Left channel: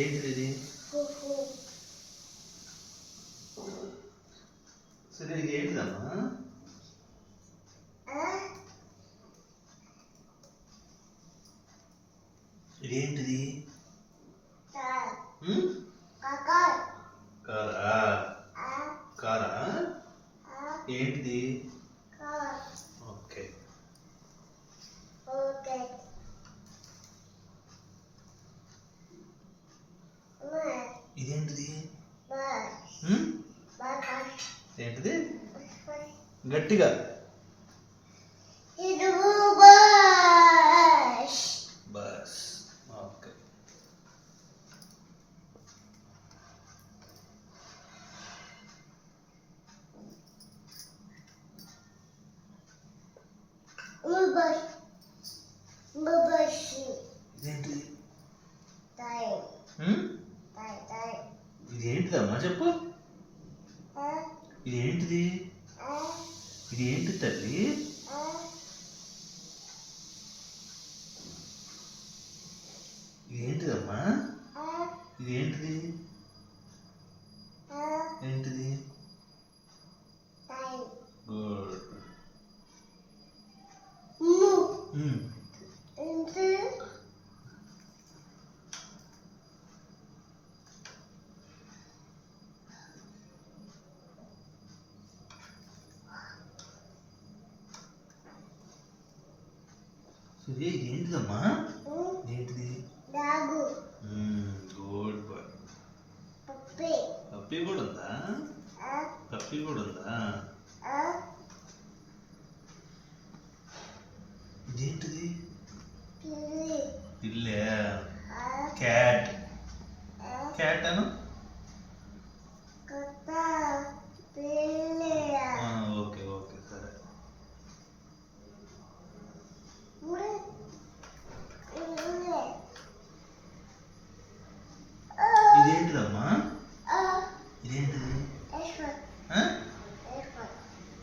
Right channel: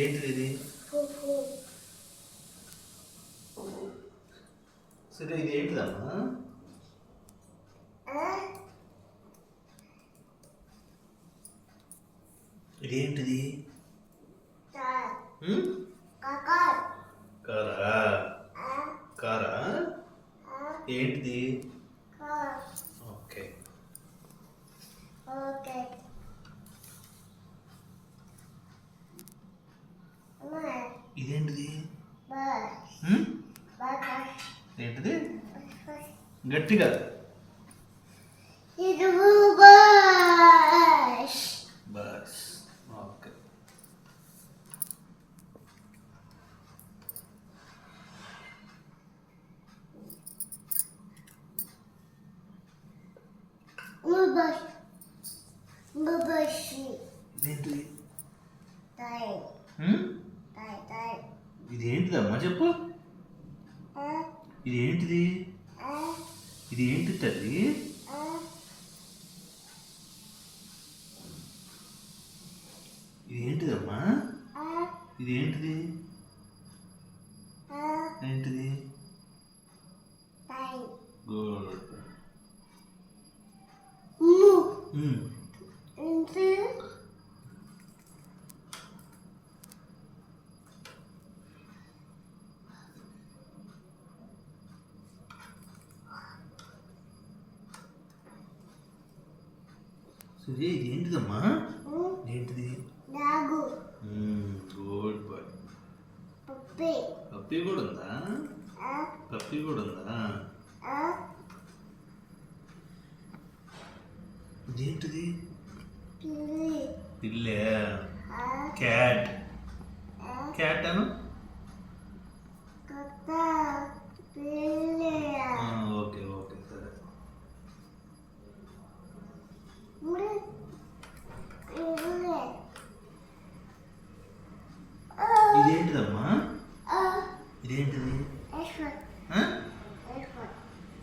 ఏంటిది ఇది? సరే ఇది ఏంటిదమ్మా? ఇదేంటిది? కారా? కారా? ఏంటిది? ఓకే. ఇదేంటిది? ఏంటిది? గట్టిగా బస్. ఓకే. ఇదేంటిది? ఇదేంటిదమ్మా చెప్పు. ఇదేంటిది? ఇది ఏంటి తల్లి? ఇదేంటిదమ్మా? ఇదేంటిది? ఏంటిది? గుడ్. సూర్య ఇదేంటిదమ్మా? ఏంటిది? Good bye. పప్పి కూడా ఉందా? పప్పి కూడా ఉందా? ఇదేంటిది? పిల్లే. క్యాట్. క్యాట్ అను. ఓకే ఓకే సరే. ఇదేంటిదమ్మా? ఇదేంటిది?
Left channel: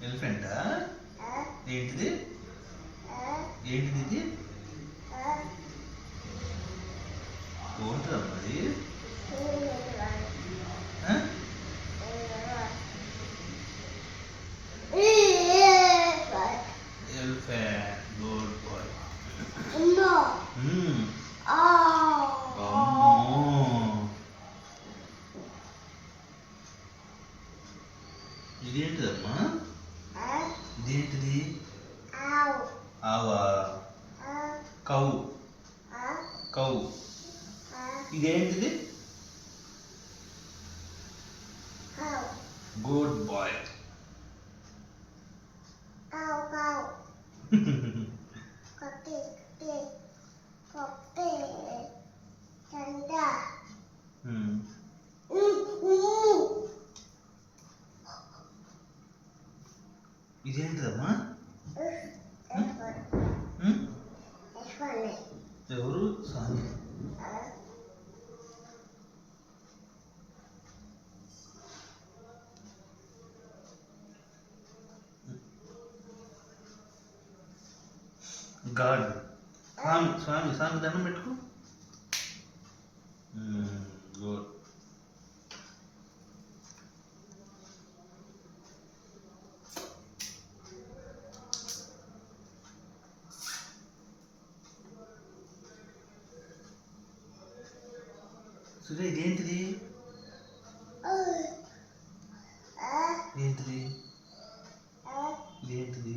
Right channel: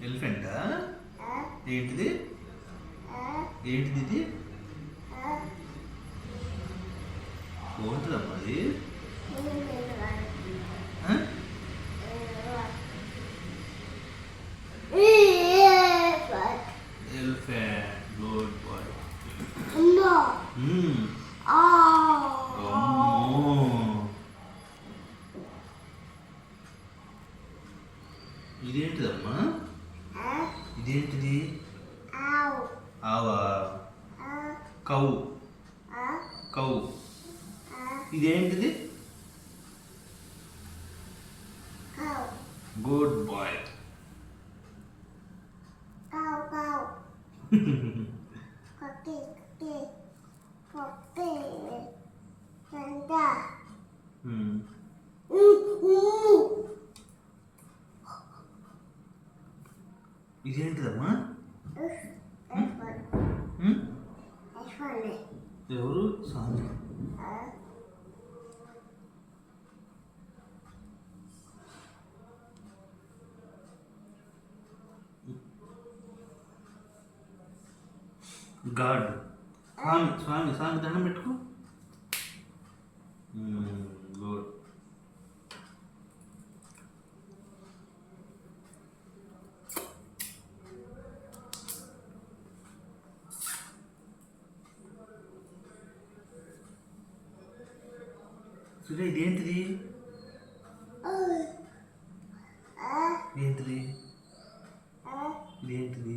ఎలిఫెంటా? ఏంటిది? ఏంటిది ఇది? ఏంటిదమ్మా అది? ఎలిఫెంట్. Good boy. అమ్మో. ఇదేంటిదమ్మా? ఇదేంటిది? ఆవా. కౌ. కౌ. ఇదేంటిది? Good boy. ఇదేంటిదమ్మా? ఎవరు? స్వామి. గాడ్. స్వామి స్వామి స్వామి దండం పెట్టుకో. గుడ్. సుజయ్ ఇదేంటిది? ఏంటిది? ఇదేంటిది?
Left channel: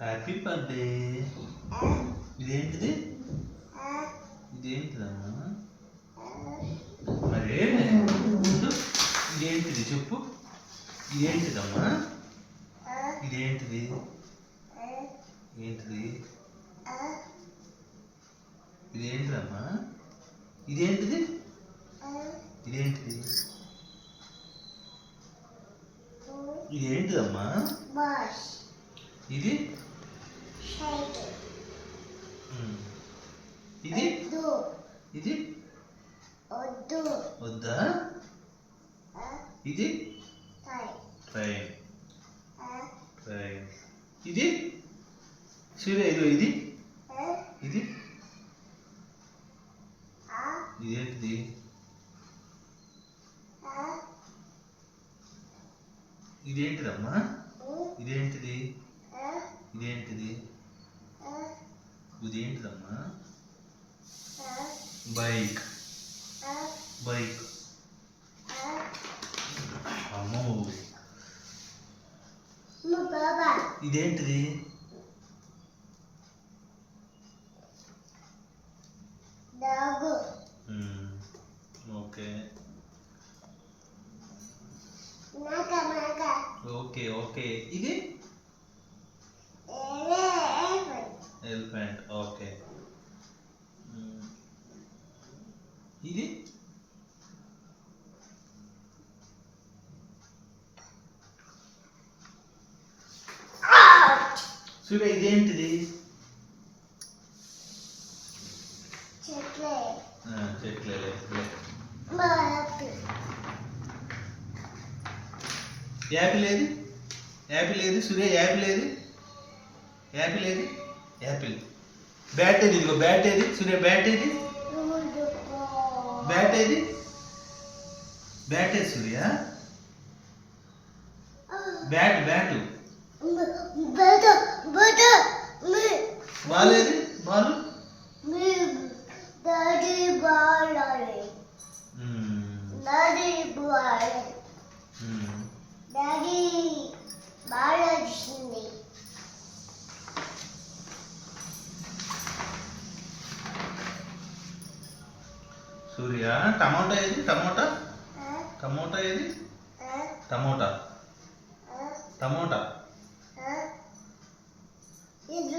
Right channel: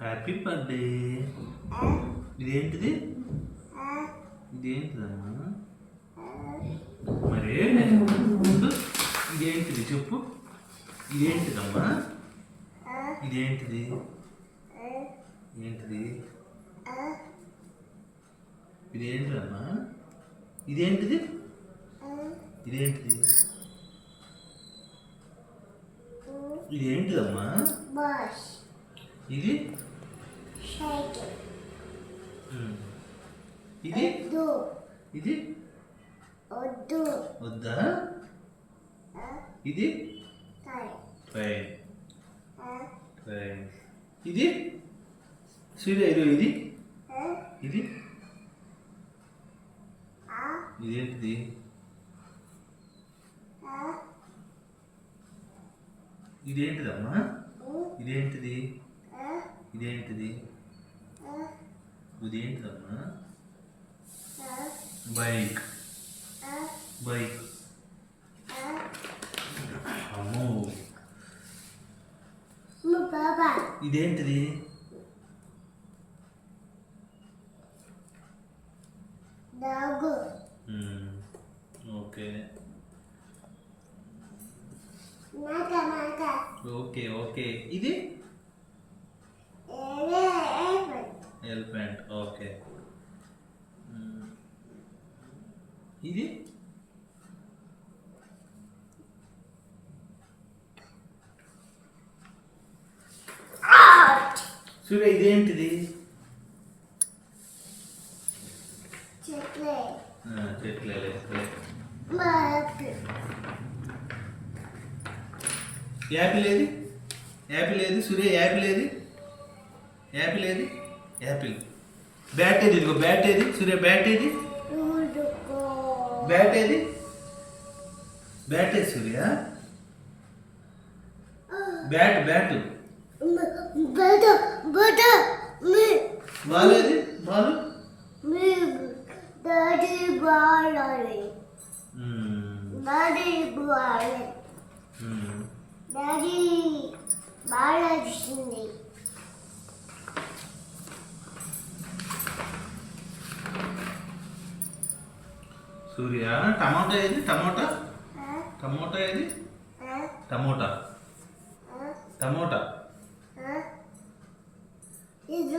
Happy birthday. ఇదేంటిది? ఇదేంటిదమ్మా? మరే ఇదేంటిది చెప్పు. ఇదేంటిదమ్మా? ఇదేంటిది? ఏంటిది? ఇదేంటిదమ్మా? ఇదేంటిది? ఇదేంటిది? ఇదేంటిదమ్మా? ఇది ఇది ఇది వద్దా? ఇది ట్రైన్ ట్రైన్. ఇది సూర్య ఇదో ఇది ఇది ఇదేంటిది? ఇదేంటిదమ్మా? ఇదేంటిది? ఇదేంటిది? ఇదేంటిదమ్మా? Bike bike. అమ్మో ఇదేంటిది? Okay okay okay. ఇది ఎలిఫెంట్. ఓకే. ఇది సూర్య ఇదేంటిది? చెట్లే. యాపిల్ ఏది? యాపిల్ ఏది సూర్య? యాపిల్ ఏది? యాపిల్ ఏది? యాపిల్. బ్యాట్ ఏది? ఇదిగో బ్యాట్ ఏది సూర్య? బ్యాట్ ఏది? బ్యాట్ ఏది? బ్యాట్ ఏది సూర్య? Bat bat. బాల్ ఏది? బాలు సూర్య. టమాటా ఏది? టమోటా. టమోటా ఏది? టమోటా. టమోటా. ఇది